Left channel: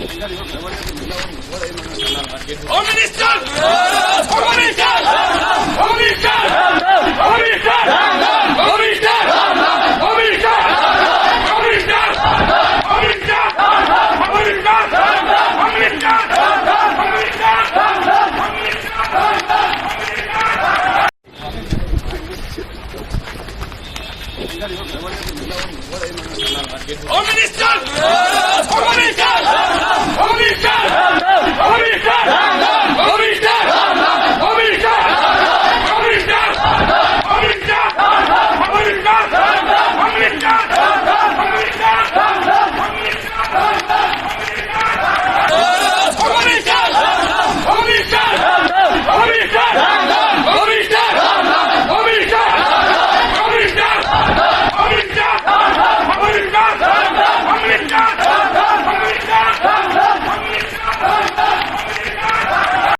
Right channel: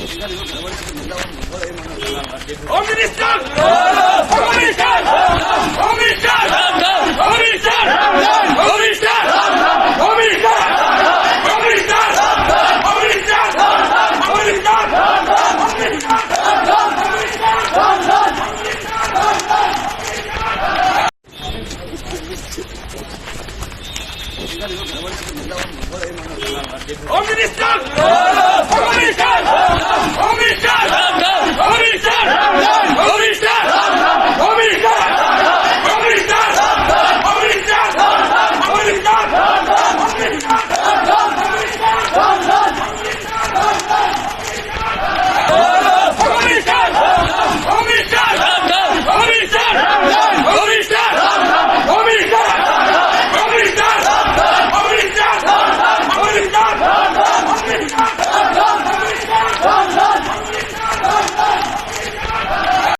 Home Minister! Home Minister! Home Minister! Home Minister! Home Minister! Home Minister! Home Minister! Home Minister! Home Minister! Home Minister! Home Minister! Home Minister! Home Minister! Home Minister! Home Minister!